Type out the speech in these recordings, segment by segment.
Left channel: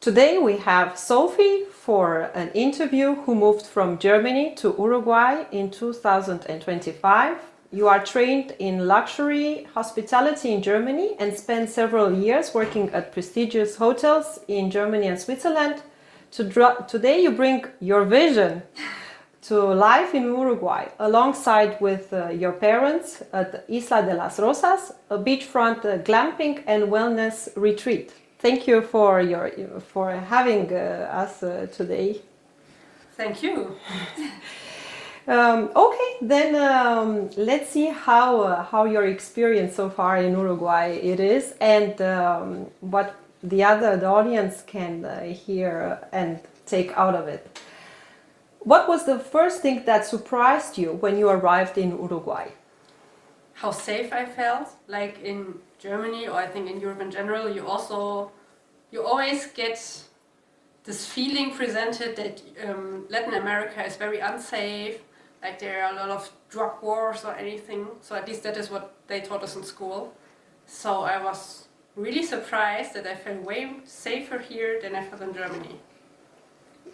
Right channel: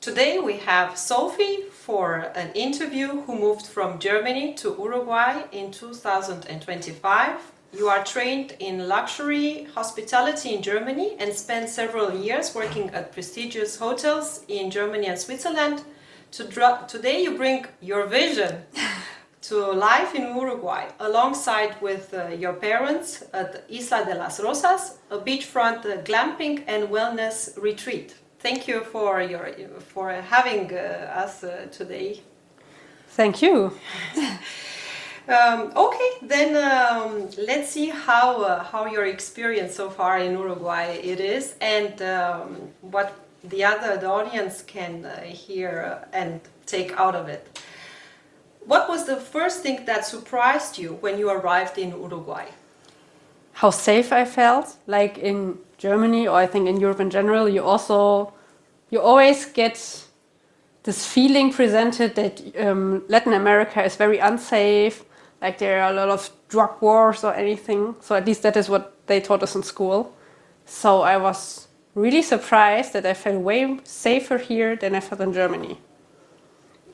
Today we have Sophie for an interview who moved from Germany to Uruguay in 2025. You are trained in luxury hospitality in Germany and spent several years working at prestigious hotels in Germany and Switzerland. Today you bring your vision to life in Uruguay alongside with your parents at Isla De Las Rosas, a beachfront glamping and wellness retreat. Thank you for having us today. Thank you. Okay, then let's see how your experience so far in Uruguay it is, and what the audience can hear and take out of it. What was the first thing that surprised you when you arrived in Uruguay? How safe I felt, like in Germany, or I think in Europe in general. You always get this feeling presented that Latin America is very unsafe, like there are a lot of drug wars or anything. So at least that is what they taught us in school. So I was really surprised that I felt way safer here than I felt in Germany.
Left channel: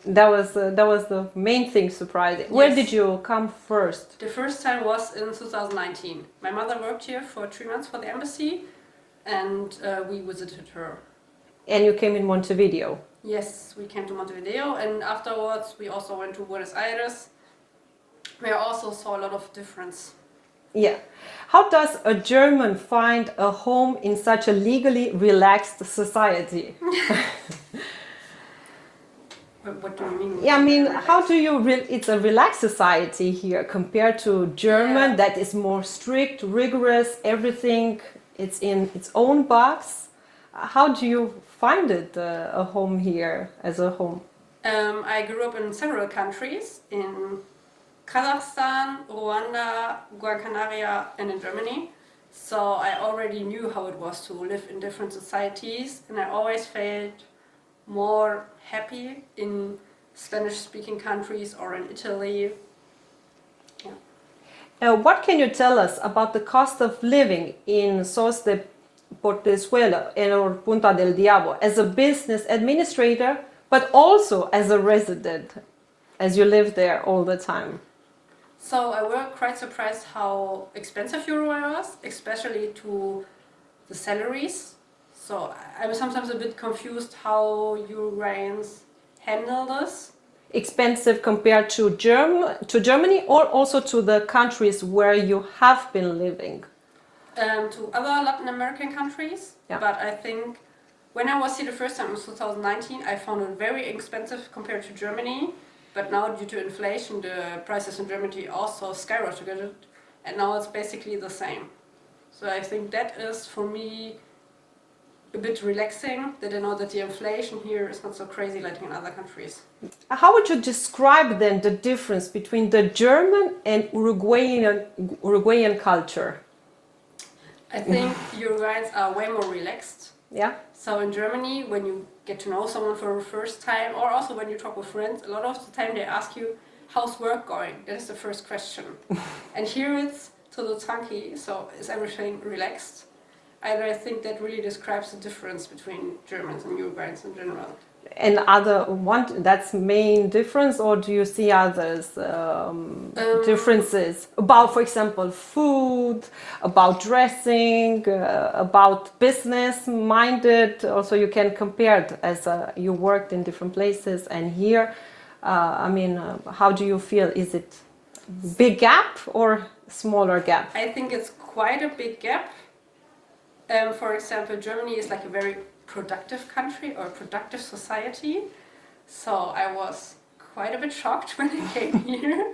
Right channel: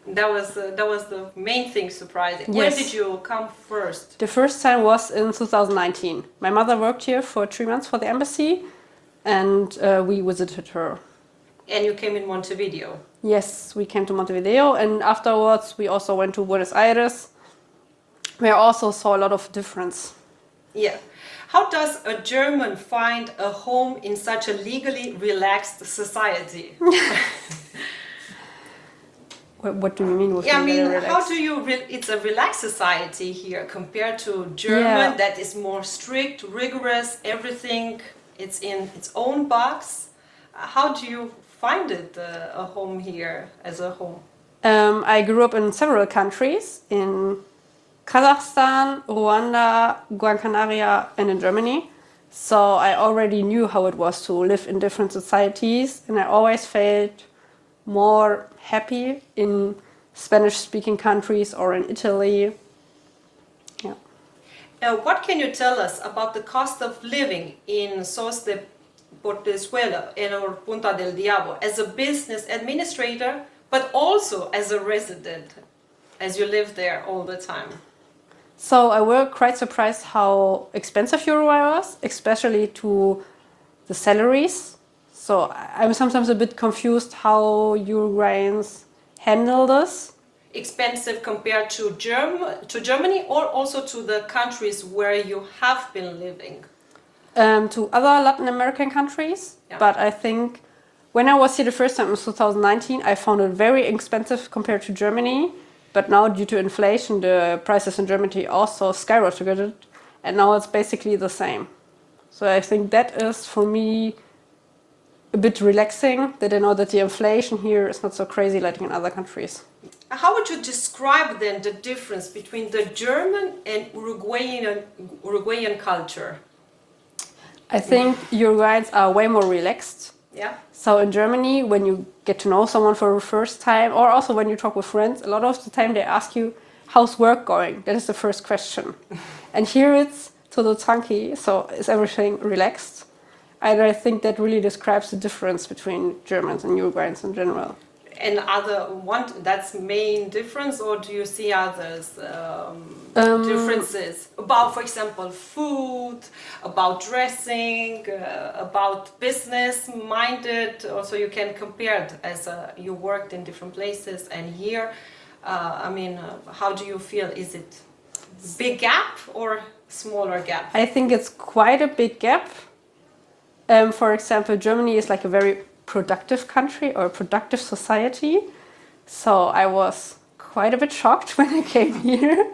That was the main thing surprising. Yes. When did you come first? The first time was in 2019. My mother worked here for 3 months for the embassy, and we visited her. And you came in Montevideo? Yes, we came to Montevideo, and afterwards we also went to Buenos Aires, where I also saw a lot of difference. Yeah. How does a German find a home in such a legally relaxed society? What do you mean? Yeah, I mean, how do you? It's a relaxed society here compared to German that is more strict, rigorous. Everything it's in its own box. How do you find it a home here as a home? I grew up in several countries, in Kazakhstan, Rwanda, Gran Canaria, and in Germany. So I already knew how it was to live in different societies, and I always felt more happy in Spanish-speaking countries or in Italy. Yeah. What can you tell us about the cost of living in Sauce de Portezuelo or Punta del Diablo as a business administrator, but also as a resident, as you live there all the time? So I was quite surprised how expensive Uruguay was, especially to the salaries. So I'm sometimes a bit confused how Uruguayans handle this. Expensive compared to Germany, or also to the countries where you have been living? To other Latin American countries. Yeah. But I think when I was here the first time in 2019, I found it very expensive compared to Germany. But now due to inflation, the prices in Germany also skyrocketed. And now it's basically the same. So I think that is for me a bit relaxing, that I know that the inflation here is not so crazy like in other countries. How would you describe then the difference between the German and Uruguayan culture? I think Uruguayans are way more relaxed. Yeah. So in Germany, when you get to know someone for the first time, or also when you talk with friends, a lot of the time they ask you, how's work going? That is the first question. And here it's todo tranqui, so is everything relaxed? And I think that really describes the difference between Germans and Uruguayans in general. And that's main difference, or do you see others differences about, for example, food, about dressing, about business minded? Also, you can compare it as you worked in different places, and here, how do you feel? Is it big gap or smaller gap? I think it's quite a big gap. For example, Germany is like a very productive country or a productive society. So I was quite a bit shocked when I came here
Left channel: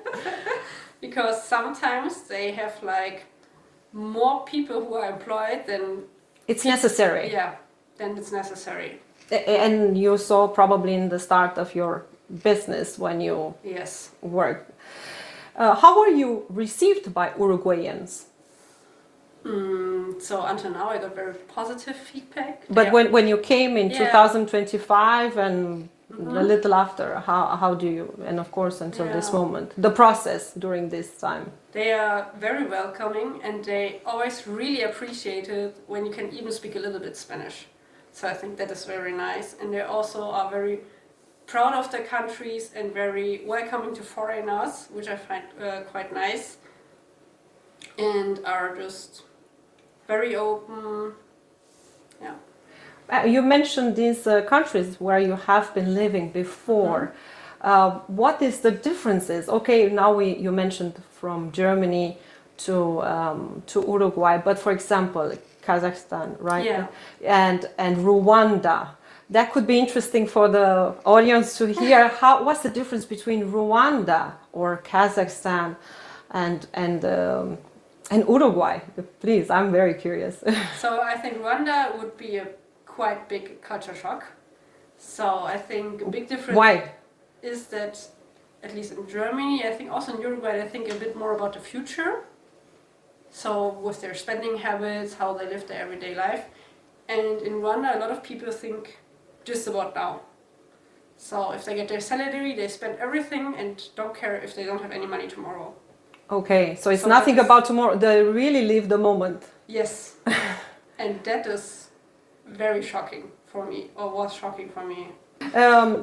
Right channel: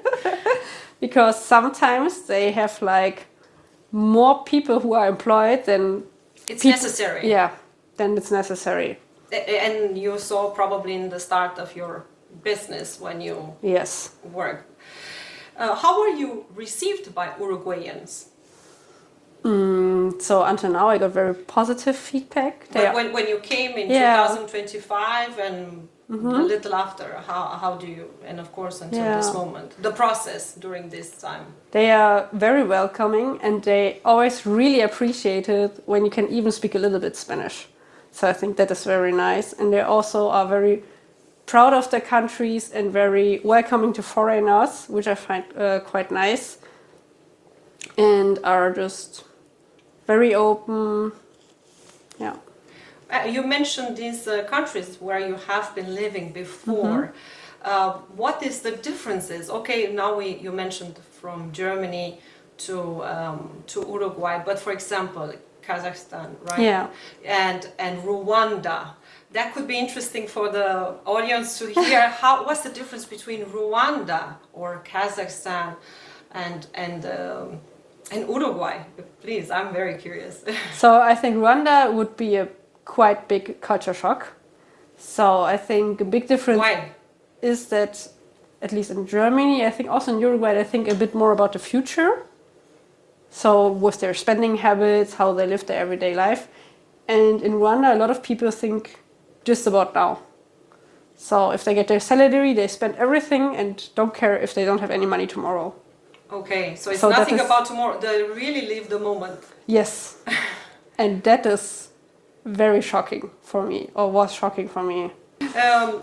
because sometimes they have like more people who are employed than it's necessary. Yeah, than it's necessary. And you saw probably in the start of your business when you worked. How were you received by Uruguayans? So until now I got very positive feedback. But when you came in 2025 and a little after, how do you, and of course until this moment, the process during this time? They are very welcoming and they always really appreciate it when you can even speak a little bit Spanish. So I think that is very nice. And they also are very proud of their countries and very welcoming to foreigners, which I find quite nice. And are just very open. Yeah. You mentioned these countries where you have been living before. What is the differences? Okay, now you mentioned from Germany to Uruguay, but for example, Kazakhstan, right? Yeah. And Rwanda. That could be interesting for the audience to hear. What's the difference between Rwanda or Kazakhstan and Uruguay? Please, I'm very curious. So I think Rwanda would be a quite big culture shock. So I think a big difference Why? is that, at least in Germany, I think also in Uruguay, I think a bit more about the future. So with their spending habits, how they live their everyday life. And in Rwanda, a lot of people think just about now. So if they get their salary, they spend everything and don't care if they don't have any money tomorrow. Okay, so it's So nothing that is- about tomorrow. They really live the moment. Yes. And that is very shocking for me, or was shocking for me.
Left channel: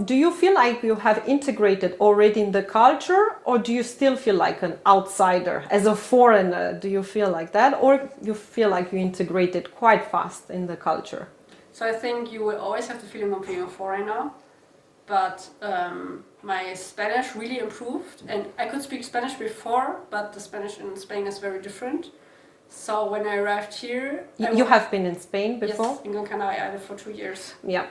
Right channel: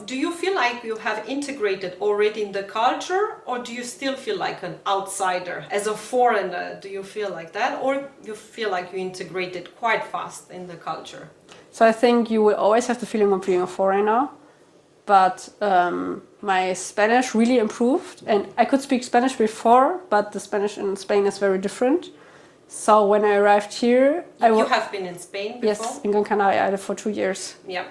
Do you feel like you have integrated already in the culture, or do you still feel like an outsider? As a foreigner, do you feel like that, or you feel like you integrated quite fast in the culture? So I think you will always have the feeling of being a foreigner, but my Spanish really improved, and I could speak Spanish before, but the Spanish in Spain is very different. So when I arrived here, You have been in Spain before? Yes, in Gran Canaria, I lived for 2 years. Yeah.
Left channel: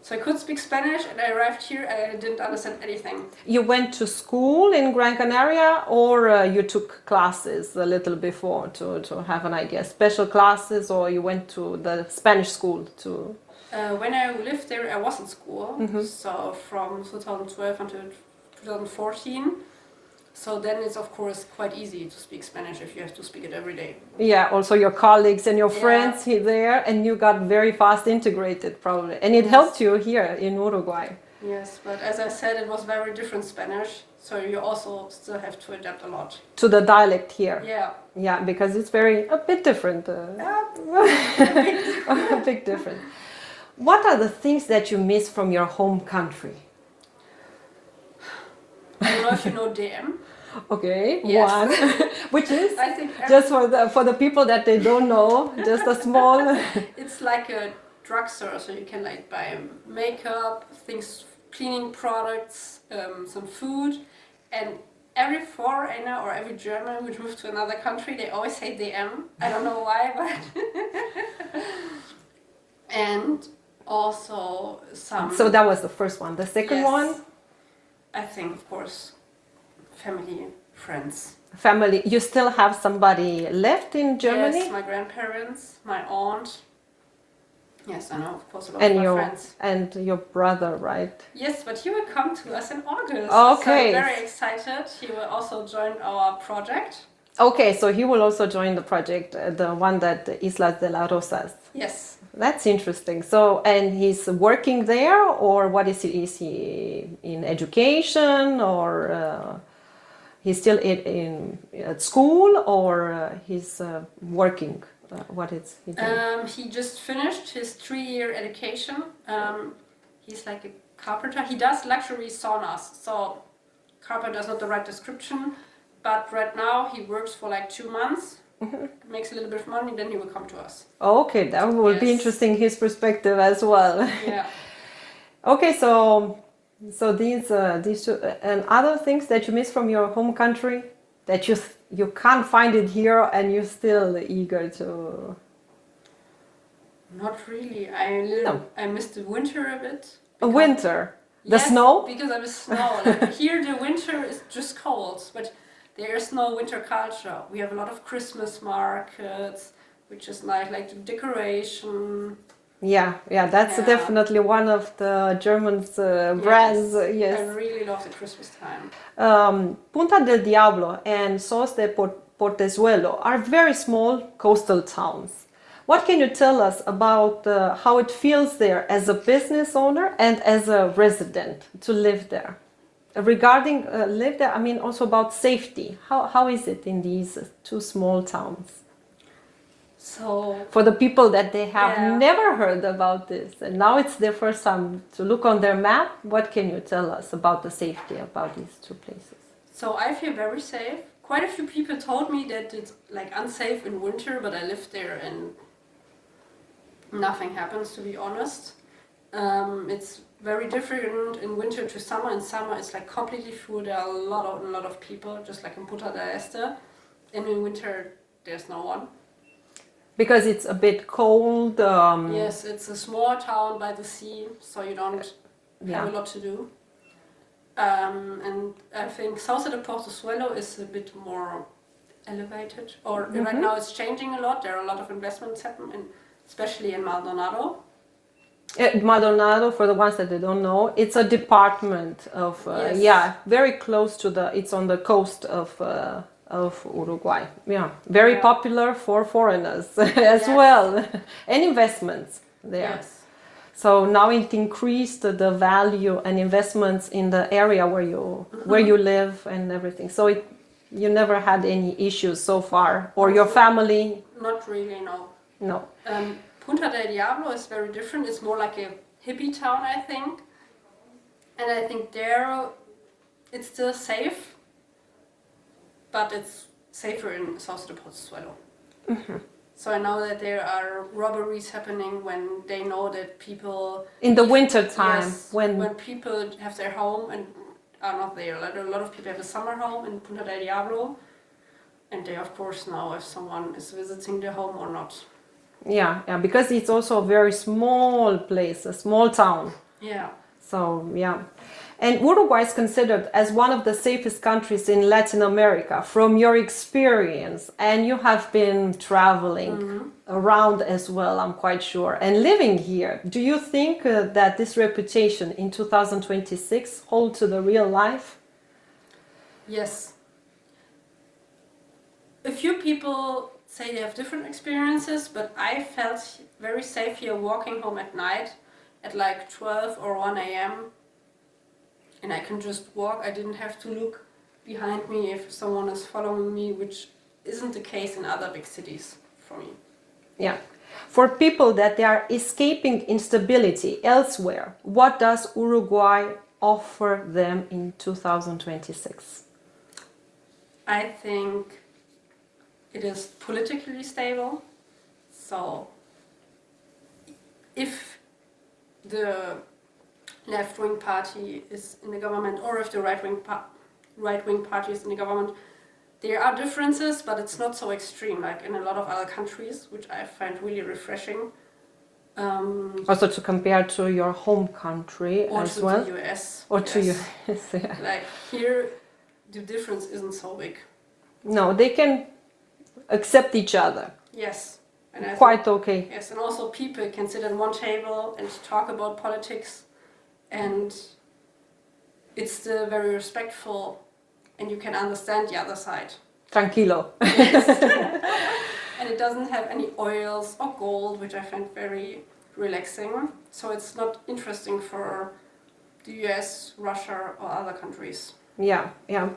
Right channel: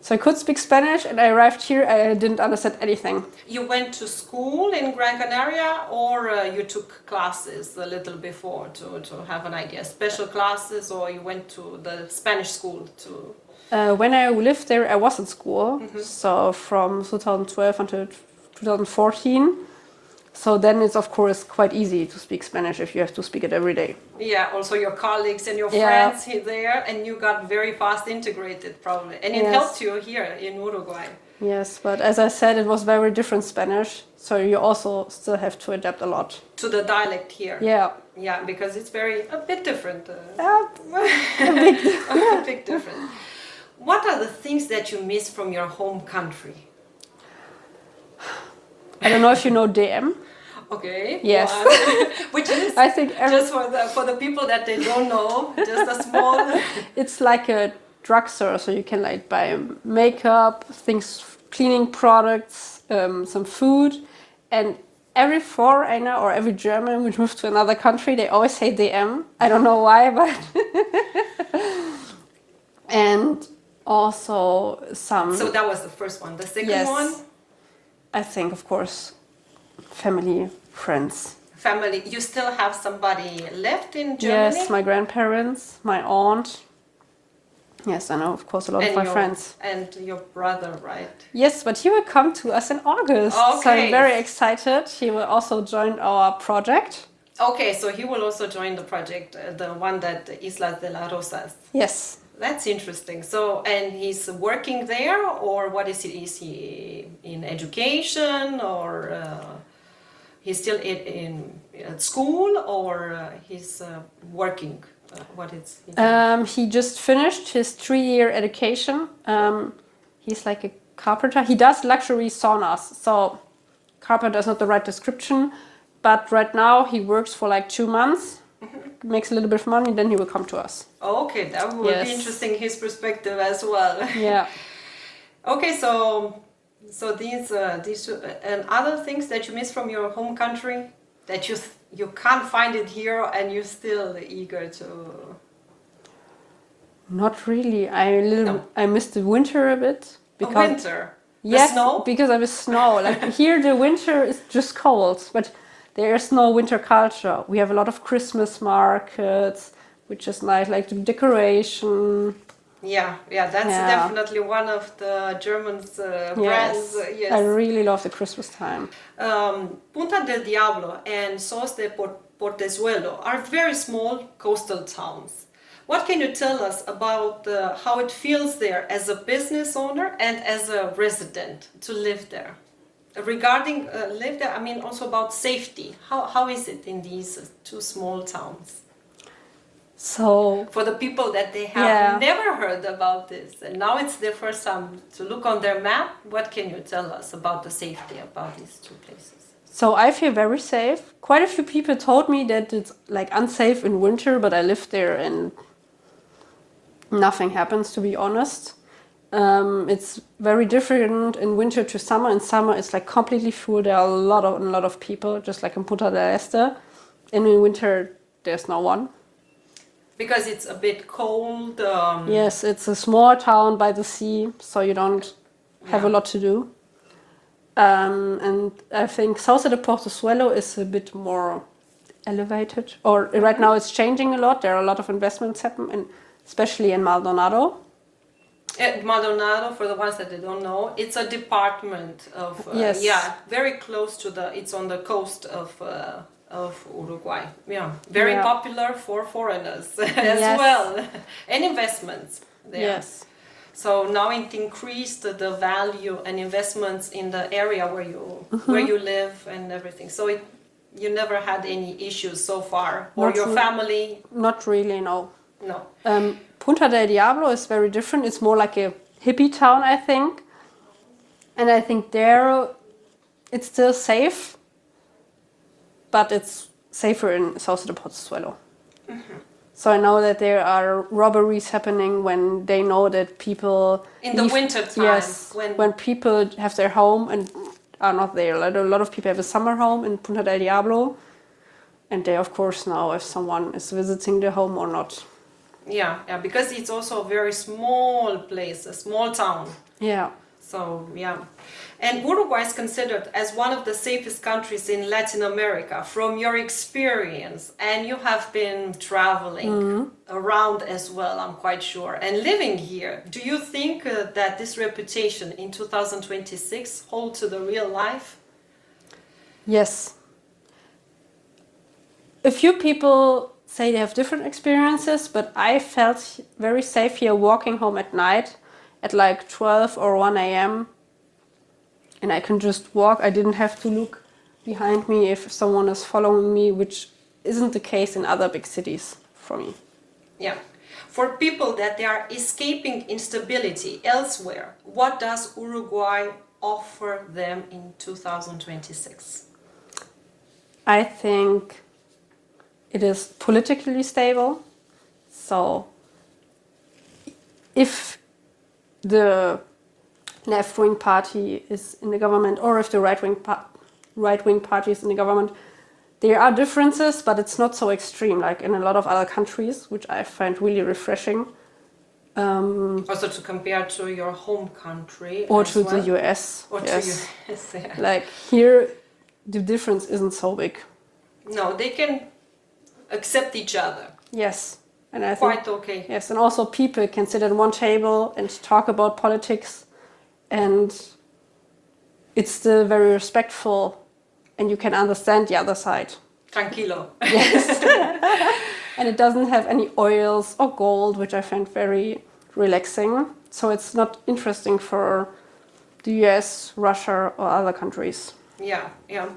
So I could speak Spanish, and I arrived here, I didn't understand anything. You went to school in Gran Canaria, or you took classes a little before to have an idea? Special classes, or you went to the Spanish school to... When I lived there, I was in school, so from 2012 until 2014. So then it's of course quite easy to speak Spanish if you have to speak it every day. Yeah, also your colleagues and your Yeah. friends here there, and you got very fast integrated probably. And it Yes. helped you here in Uruguay. Yes, but as I said, it was very different Spanish, so you also still have to adapt a lot. To the dialect here. Yeah. Yeah, because it's a bit different. A bit different. What are the things that you miss from your home country? I don't know if you know DM. Okay. Yes. One. Which is I think just for the people that they don't know, just a small. it's like a drugstore, so you can like buy makeup, things, cleaning products, some food, and every foreigner or every German which moves to another country, they always say DM. I don't know why, but and also some. So that was the first one. The second Yes. one. I think, of course, family, friends. Family. You still have somebody left in Germany? Yes, my grandparents, my aunt. Yes, I know, of course, a lot of my friends. And your brother, right? Yes, but he will come to us in August. So Okay. I'm very excited. He will also join our project. Okay, so he will also join the project, the one that Isla De Las Rosas. Yes. That's interesting. So, and he's working there, or what is he? Is he in education, or he's still in at school, or he's working? What is he doing? He just finished his 3-year education. He's like a carpenter. He does luxury saunas. So carpenter is not the right description, but right now he works for like 2 months. Makes a little bit of money, then he will come to us. Okay, that would be Yes. interesting, his perspective as well. Yeah. Okay, so these and other things that you miss from your home country that you can't find it here, and you're still eager to. Not really. No. I miss the winter a bit. Winter, the Yes, snow. because I miss snow. Like here, the winter is just cold, but there is no winter culture. We have a lot of Christmas markets, which is nice, like the decoration. Yeah, that's Yeah. definitely one of the Germans' brands. Yes. I really love the Christmas time. Punta del Diablo and Sauce de Portezuelo are very small coastal towns. What can you tell us about how it feels there as a business owner and as a resident to live there? Regarding live there, I mean also about safety. How is it in these two small towns? So For the people that they have Yeah. never heard about this, and now it's their first time to look on their map, what can you tell us about the safety about these two places? So I feel very safe. Quite a few people told me that it's like unsafe in winter, but I lived there and nothing happens, to be honest. It's very different in winter to summer. In summer, it's like completely full. There are a lot of people, just like in Punta del Este. And in winter, there's no one. Because it's a bit cold. Yes, it's a small town by the sea, so you don't have a Yeah. lot to do. And I think Sauce de Portezuelo is a bit more elevated. Or right now, it's changing a lot. There are a lot of investments happening, especially in Maldonado. Maldonado, for the ones that they don't know, it's a department of Yes. very close to it's on the coast of Uruguay. Yeah, very Yeah. popular for foreigners as Yes. well, and investments there. Yes. So now it increased the value and investments in the area where you live and everything. So you never had any issues so far, or Not your re- family? Not really, no. No. Punta del Diablo is very different. It's more like a hippie town, I think. And I think there it's still safe, but it's safer in Sauce de Portezuelo. So I know that there are robberies happening when they know that people... In the winter time, Yes, when people have their home and are not there. Like a lot of people have a summer home in Punta del Diablo. And they, of course, know if someone is visiting the home or not. Yeah, because it's also a very small place, a small town. Yeah. So, yeah. And Uruguay is considered as one of the safest countries in Latin America from your experience. And you have been traveling around as well, I'm quite sure, and living here. Do you think that this reputation in 2026 holds to the real life? Yes. A few people say they have different experiences, but I felt very safe here walking home at night at like 12 or 1 a.m. And I can just walk. I didn't have to look behind me if someone is following me, which isn't the case in other big cities for me. Yeah. For people that they are escaping instability elsewhere, what does Uruguay offer them in 2026? I think it is politically stable. So if the left-wing party is in the government or if the right-wing party is in the government, there are differences, but it's not so extreme like in a lot of other countries, which I find really refreshing. Also to compare to your home country Or as to well? the US. Or to yes. US, yeah. Like here, the difference isn't so big. No, they can accept each other. Yes. And I think, Quite okay. yes, and also people can sit at one table and talk about politics, and it's still very respectful, and you can understand the other side. Tranquilo. And it doesn't have any oils or gold, which I find very relaxing. So it's not interesting for the US, Russia, or other countries. Yeah, yeah.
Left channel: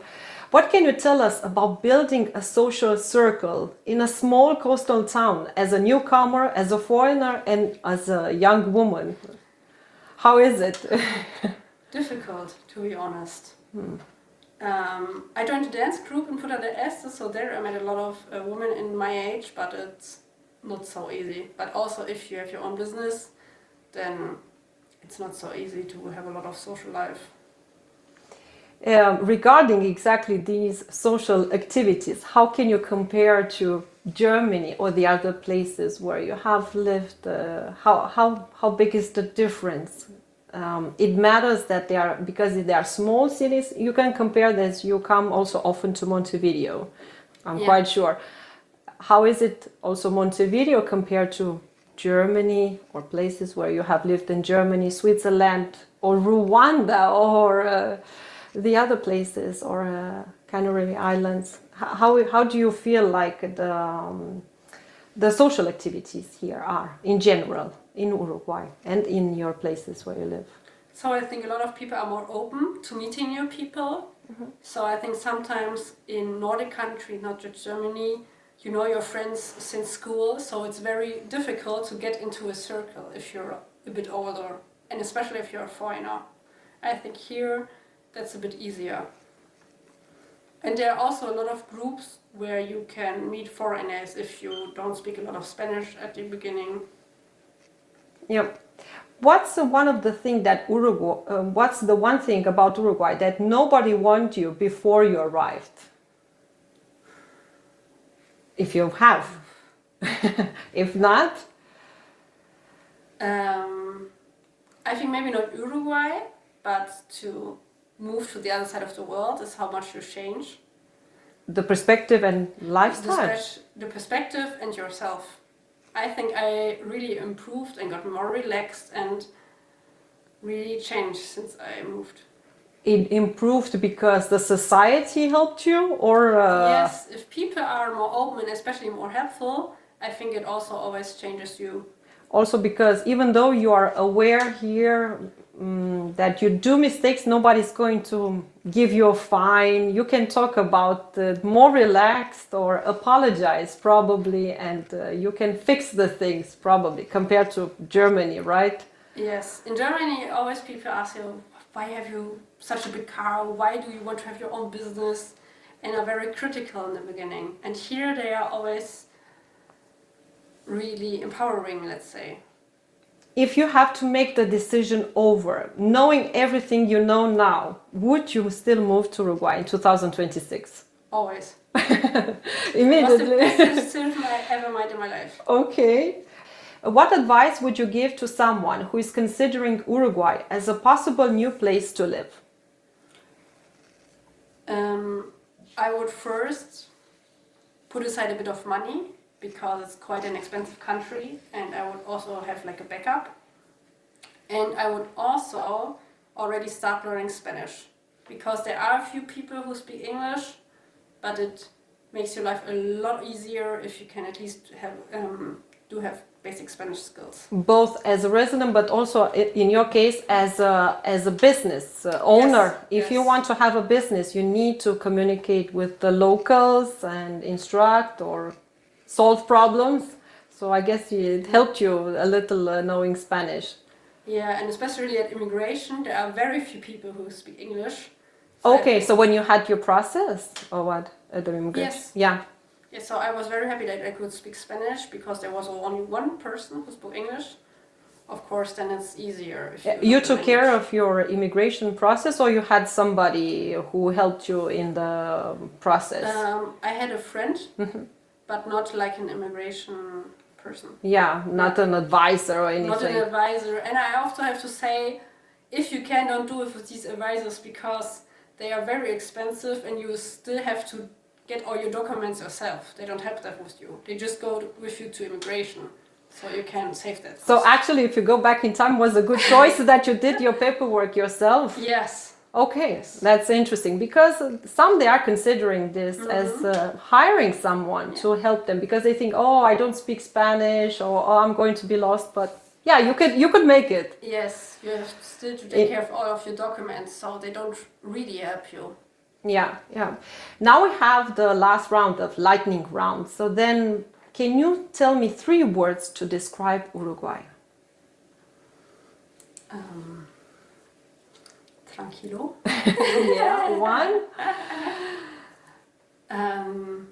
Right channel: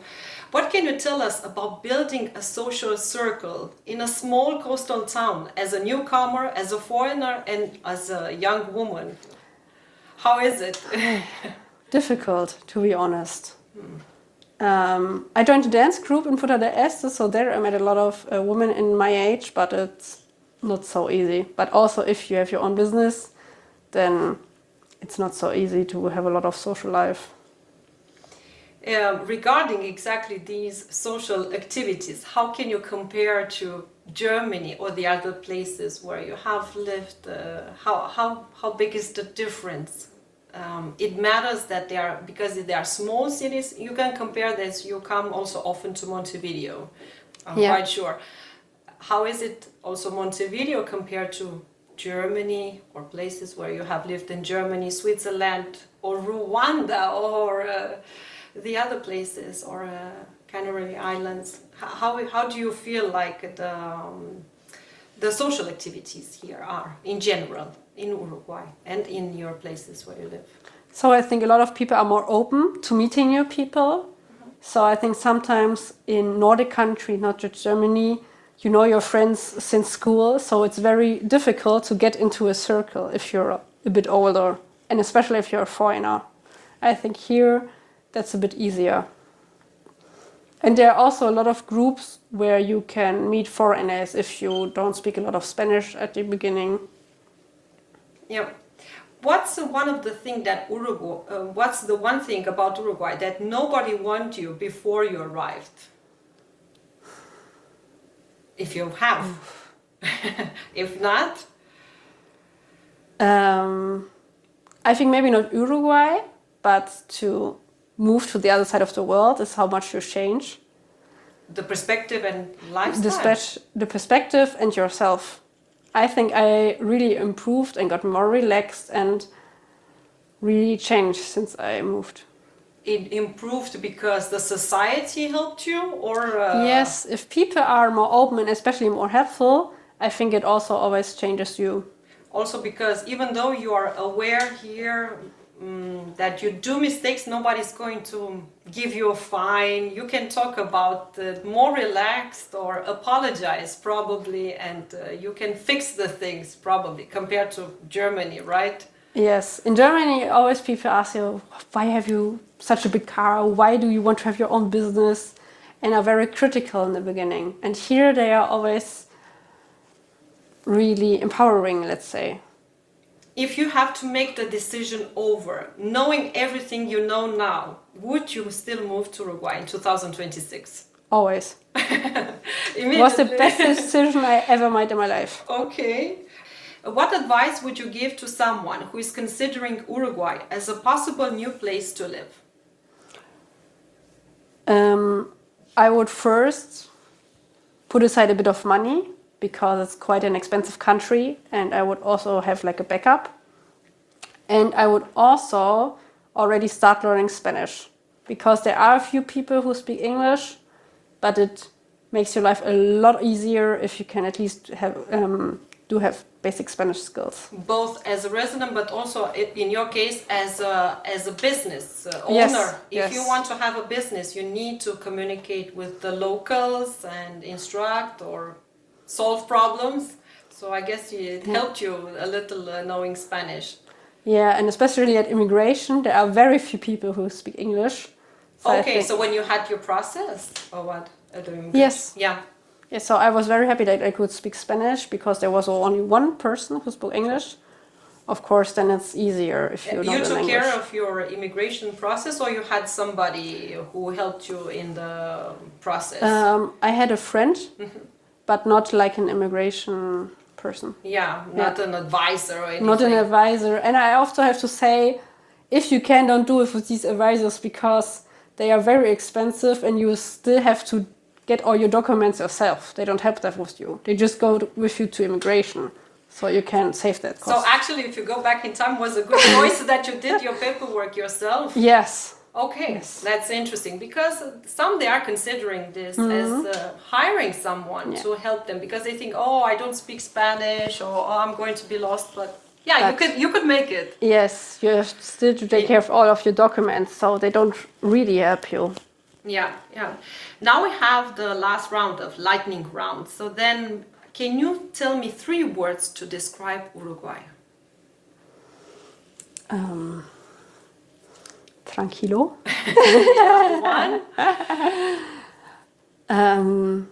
What can you tell us about building a social circle in a small coastal town as a newcomer, as a foreigner, and as a young woman? How is it? Difficult, to be honest. I joined a dance group in Punta del Este, so there I met a lot of women in my age, but it's not so easy. But also if you have your own business, then it's not so easy to have a lot of social life. Regarding exactly these social activities, how can you compare to Germany or the other places where you have lived? How big is the difference? It matters that because they are small cities. You can compare this. You come also often to Montevideo, I'm quite sure. How is it also Montevideo compared to Germany or places where you have lived in Germany, Switzerland, or Rwanda, or the other places, or Canary Islands? How do you feel like the social activities here are in general in Uruguay and in your places where you live? So I think a lot of people are more open to meeting new people. So I think sometimes in Nordic countries, not just Germany, you know your friends since school, so it's very difficult to get into a circle if you're a bit older, and especially if you're a foreigner. I think here that's a bit easier. And there are also a lot of groups where you can meet foreigners if you don't speak a lot of Spanish at the beginning. Yeah. What's the one thing about Uruguay that nobody warned you before you arrived? If you have. If not? I think maybe not Uruguay, but to move to the other side of the world is how much you change. The perspective and lifestyle. The perspective and yourself. I think I really improved and got more relaxed and really changed since I moved. It improved because the society helped you, or Yes, if people are more open and especially more helpful, I think it also always changes you. Also because even though you are aware here that you do mistakes, nobody's going to give you a fine. You can talk about more relaxed or apologize probably, and you can fix the things probably compared to Germany, right? Yes, in Germany always people ask you, why have you such a big car? Why do you want to have your own business? And are very critical in the beginning. And here they are always really empowering, let's say. If you have to make the decision over, knowing everything you know now, would you still move to Uruguay in 2026? Always. Immediately. It was the best decision I ever made in my life. Okay. What advice would you give to someone who is considering Uruguay as a possible new place to live? I would first put aside a bit of money because it's quite an expensive country, and I would also have like a backup. And I would also already start learning Spanish because there are a few people who speak English, but it makes your life a lot easier if you can at least have basic Spanish skills. Both as a resident, but also in your case as a business owner. Yes, If you want to have a business, you need to communicate with the locals and instruct or solve problems. So I guess it helped you a little knowing Spanish. Yeah, and especially at immigration, there are very few people who speak English. Okay, so when you had your process or what? Yes. Yeah. Yeah, so I was very happy that I could speak Spanish because there was only one person who spoke English. Of course, then it's easier if you took care of your immigration process, or you had somebody who helped you in the process? I had a friend, but not like an immigration person. Yeah, not an advisor or anything. Not an advisor. And I also have to say, if you can, don't do it with these advisors because they are very expensive and you still have to get all your documents yourself. They don't help that with you. They just go with you to immigration. So you can save that cost. So actually, if you go back in time, was a good choice that you did your paperwork yourself? Yes. Okay, Yes. That's interesting because some they are considering this as hiring someone to help them because they think, oh, I don't speak Spanish, or oh, I'm going to be lost. But yeah, you could make it. Yes, you have still to take care of all of your documents, so they don't really help you. Yeah. Now we have the last round of lightning round. So then, can you tell me 3 words to describe Uruguay? Tranquilo. Yeah, 1.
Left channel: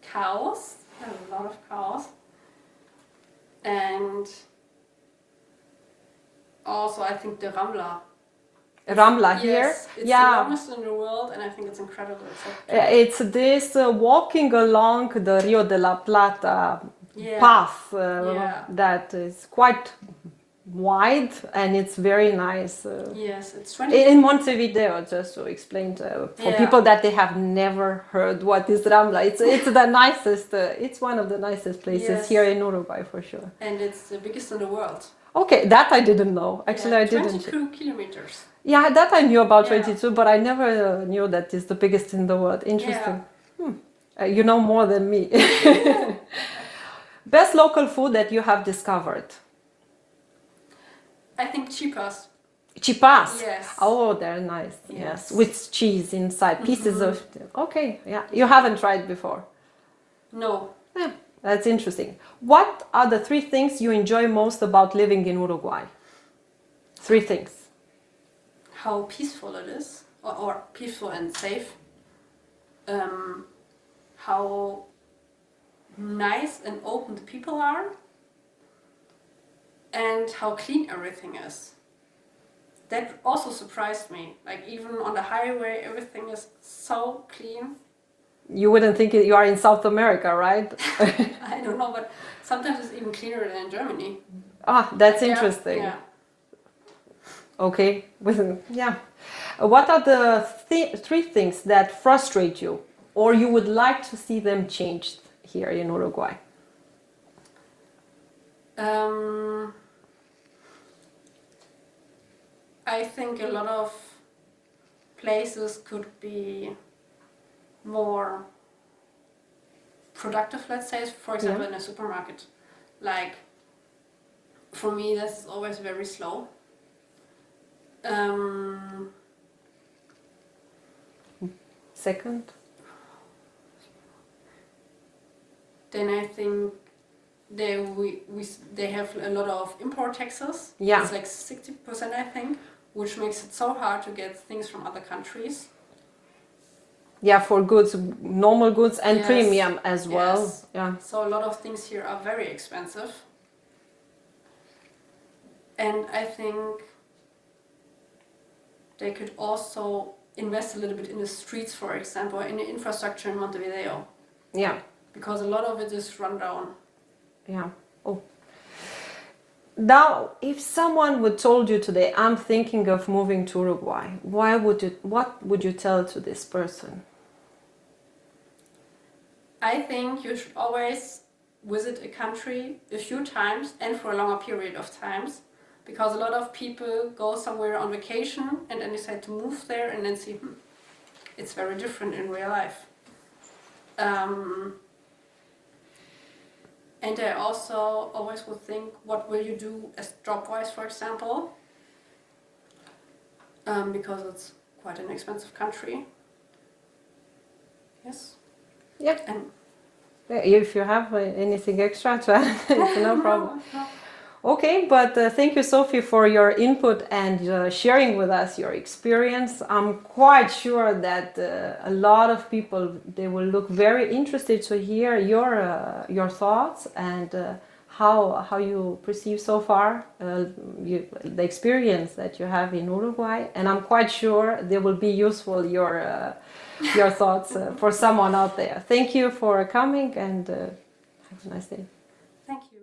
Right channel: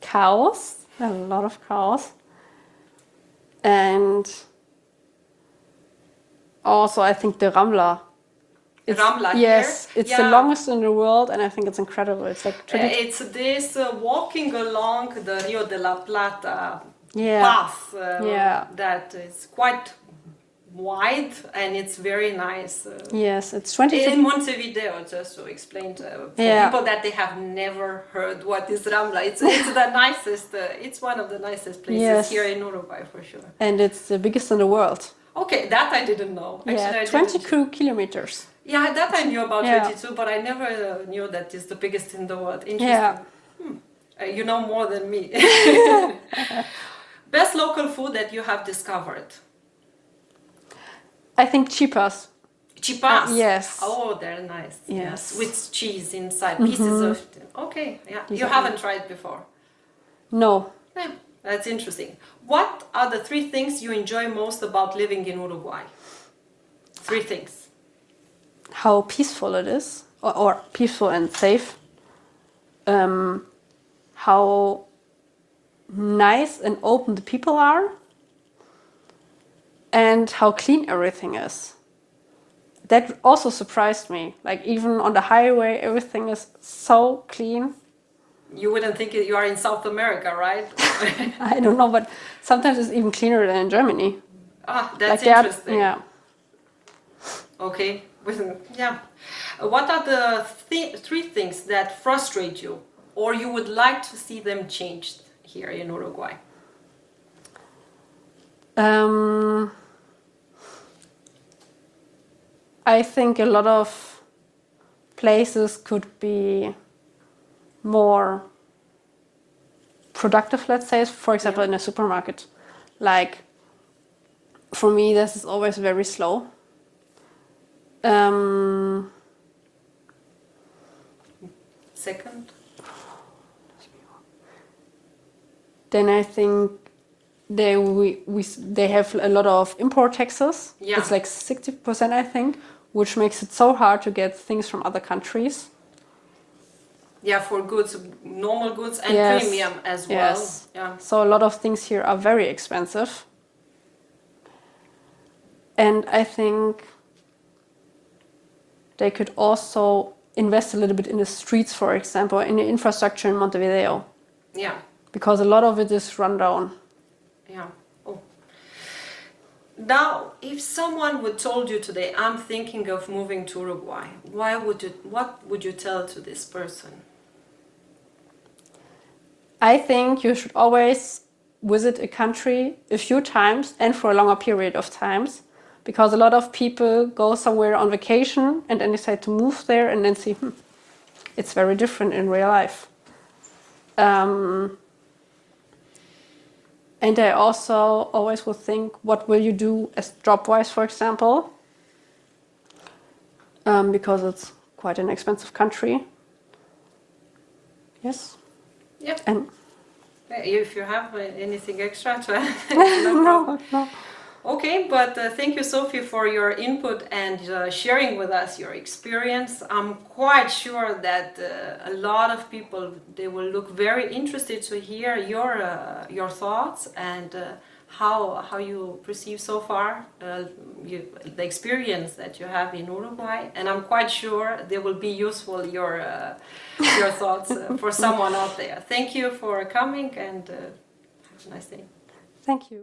Chaos. A lot of chaos. And also, I think the rambla. Rambla here. Yes, it's the longest in the world, and I think it's incredible. It's like it's this walking along the Rio de la Plata path that is quite wide, and it's very nice. Yes, it's 20. In Montevideo, just to explain for people that they have never heard what is Rambla. It's the nicest. It's one of the nicest places here in Uruguay for sure. And it's the biggest in the world. Okay, that I didn't know. Actually, I didn't. 22 kilometers. Yeah, that I knew about 22, but I never knew that it's the biggest in the world. Interesting. Yeah. You know more than me. Best local food that you have discovered? I think chipas. Chipas? Yes. Oh, they're nice. Yes. With cheese inside, pieces of... Okay, yeah. You haven't tried before? No. Yeah, that's interesting. What are the 3 things you enjoy most about living in Uruguay? 3 things. How peaceful it is, or peaceful and safe. How nice and open the people are, and how clean everything is. That also surprised me. Like even on the highway, everything is so clean. You wouldn't think you are in South America, right? I don't know, but sometimes it's even cleaner than in Germany. Ah, that's Like interesting. Yeah. Okay. Yeah. What are the 3 things that frustrate you, or you would like to see them changed here in Uruguay? I think a lot of places could be more productive, let's say, for example, Yeah. in a supermarket. Like, for me, this is always very slow. Second? Then I think they have a lot of import taxes. Yeah. It's like 60%, I think, which makes it so hard to get things from other countries. Yeah, for goods, normal goods and Yes. premium as well. Yes. Yeah. So a lot of things here are very expensive. And I think they could also invest a little bit in the streets, for example, in the infrastructure in Montevideo, Yeah. because a lot of it is run down. Yeah. Oh. Now, if someone would told you today, I'm thinking of moving to Uruguay, what would you tell to this person? I think you should always visit a country a few times and for a longer period of times, because a lot of people go somewhere on vacation and then decide to move there and then see, it's very different in real life. And I also always would think, what will you do as job-wise, for example? Because it's quite an expensive country. Yes. Yeah. And If you have anything extra to add, no problem. No. Okay, but thank you, Sophie, for your input and sharing with us your experience. I'm quite sure that a lot of people, they will look very interested to hear your thoughts and how you perceive so far the experience that you have in Uruguay. And I'm quite sure they will be useful your thoughts for someone out there. Thank you for coming and have a nice day. Thank you.